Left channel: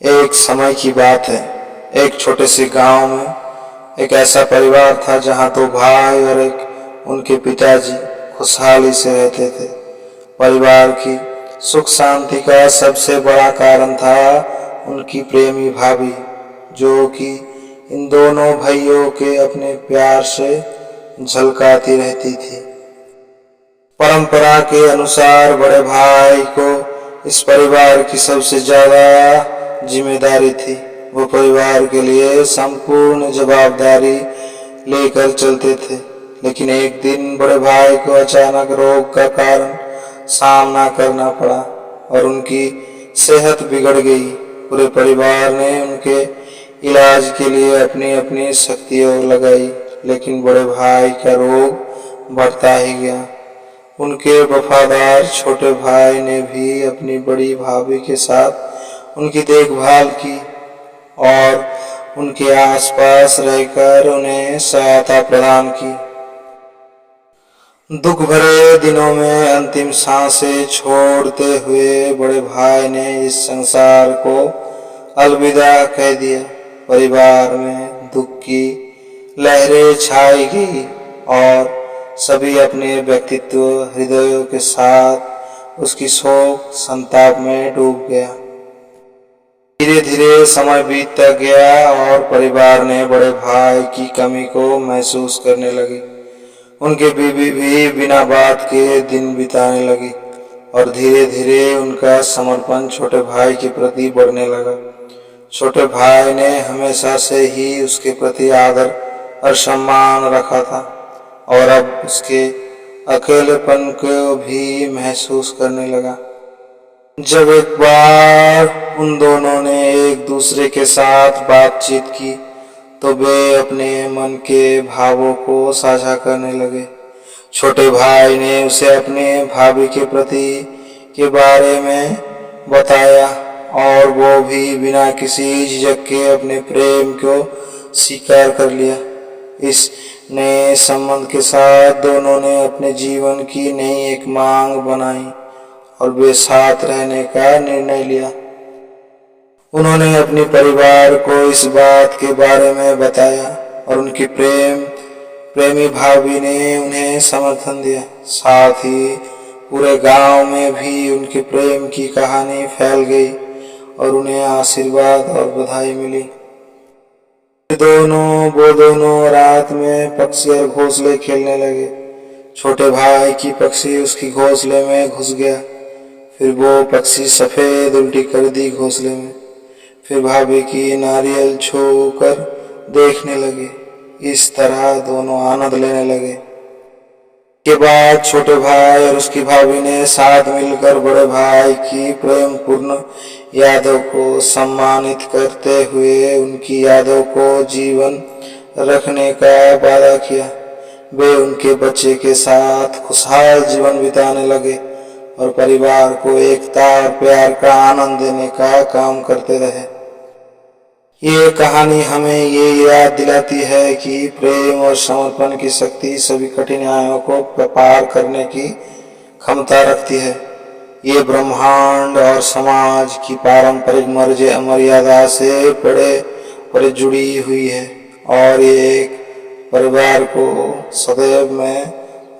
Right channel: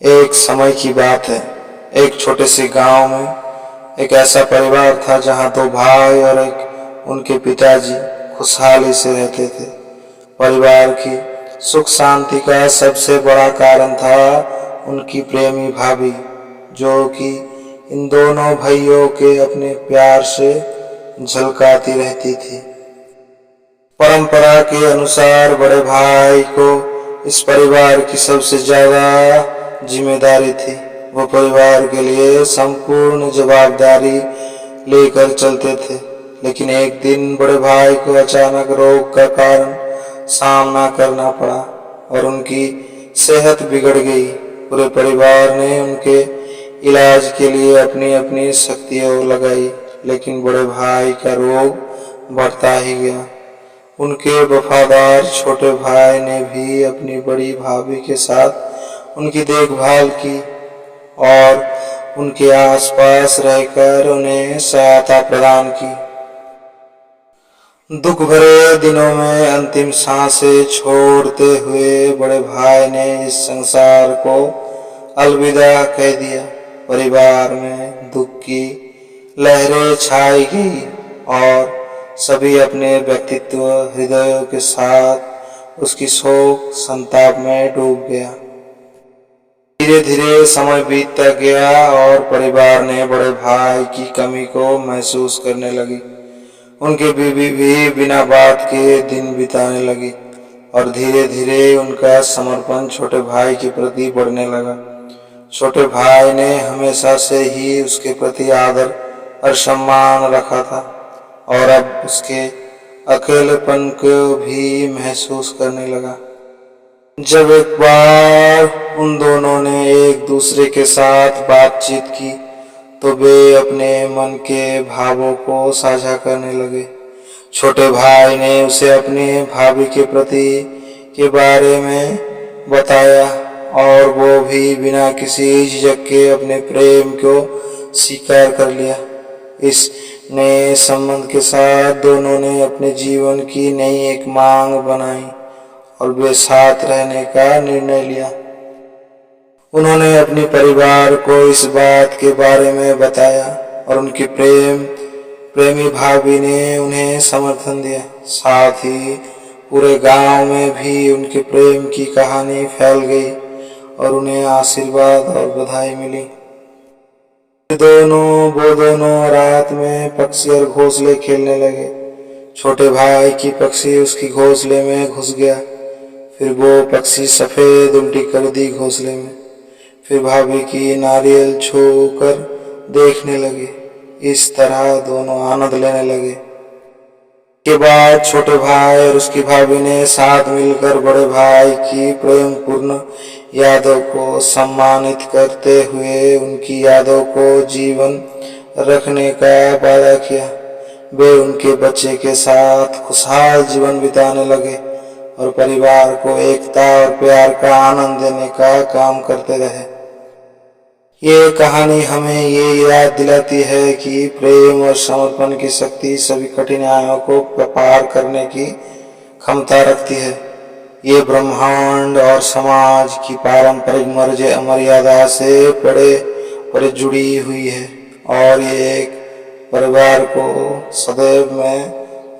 एक समय की बात है। एक छोटे से गांव में एक ऐसा परिवार था जहां दो भाई और एक उनके पिताजी खुशहाली से रहते थे। परिवार की सुख शांति का सबसे बड़ा कारण था उनकी प्रेमी भाभी, जो कि इन दोनों भाइयों के अपने प्यार से झलकाती रहती थी। परंपरा के अनुसार बड़े भाई को इस परिवार की सबसे ज्यादा जिम्मेदारी थी। वो परिवार के लिए संपूर्ण जवाबदारी लेकर चलते थे। लेकिन एक दिन बड़े भाई को अचानक रोग का कारण सामना करना पड़ा और उनकी सेहत बिगड़ गई। पूरे परिवार ने उनके इलाज के लिए अपनी अपनी शक्तियां लगाई, लेकिन बड़े भाई का रोग बढ़ता ही गया। उनके वफादार छोटे भाई ने भी अपनी बड़ी भाभी के साथ उनकी देखभाल की और उनके आसपास रहकर उन्हें सहायता प्रदान की। दुख भरे दिनों में अंतिम सांसें छोड़ते हुए बड़े भाई ने इस संसार को अलविदा कह दिया। परिवार में दुख की लहरें छाई गई और सभी अपने व्यक्तित्व हृदयों के साथ उसकी शोक संताप में डूब गया। धीरे धीरे समय बीतता गया और परिवार ने बड़े भाई की कमी को महसूस करने लगी। उनके बीवी भी बिना बात के दिन बिताने लगी और धीरे धीरे उनका समर्पण छोटे भाई के प्रति बढ़ने लगा। छोटे भाई ने हमेशा से ही उसके प्रति आदर और सम्मान रखा था और अब उसके अकेलेपन को भी महसूस करने लगा। जब एक बार उन दोनों ने एक दूसरे के साथ बातचीत की तो वे अपने मन के भावों को साझा करने लगे। छोटे भाई ने उसे अपने भाभी के प्रति के बारे में बताया और वो भी बिना किसी झिझक के अपने प्रेम को स्वीकार कर लिया। इस नए संबंध के साथ दोनों ने अपने जीवन की नई एक मांग बनाई और वे साथ रहने का निर्णय लिया। उन्होंने अपने परिवार को इस बात के बारे में बताया और उनकी प्रेमी भाभी ने उन्हें समर्थन दिया। साथ ही पूरे गांव में भी उनके प्रेम की कहानी फैल गई और उन्हें आशीर्वाद और बधाई मिली। वो दोनों रात में पक्षी और घोंसले खेलने लगे। छोटे भाई की पक्षी उसकी घोंसले में घुस गया, फिर वो पक्षी सफेद उल्टी कर दी घोंसले में। फिर भाभी की नारियल छूकर देखने लगे। इस तरह दोनों आनंद लेने लगे। के बाद छोटे भाई और उसकी भाभी ने साथ मिलकर बड़े भाई की प्रेम पूर्ण यादों को सम्मानित करते हुए उनकी यादों को जीवन रखने का वादा किया। वे उनके बच्चे के साथ खुशहाल जीवन बिताने लगे और परिवार को एकता और प्यार का आनंद देने का काम करते रहे। ये कहानी हमें ये याद दिलाती है कि प्रेम और समर्पण की शक्ति सभी कठिनाइयों को पार करने की क्षमता रखती है। ये ब्रह्मांड और समाज की पारंपरिक मर्यादा से बड़े जुड़ी हुई है और ये एक परिवार को सदैव में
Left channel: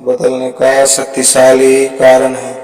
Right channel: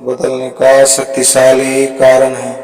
बदलने का शक्तिशाली कारण है।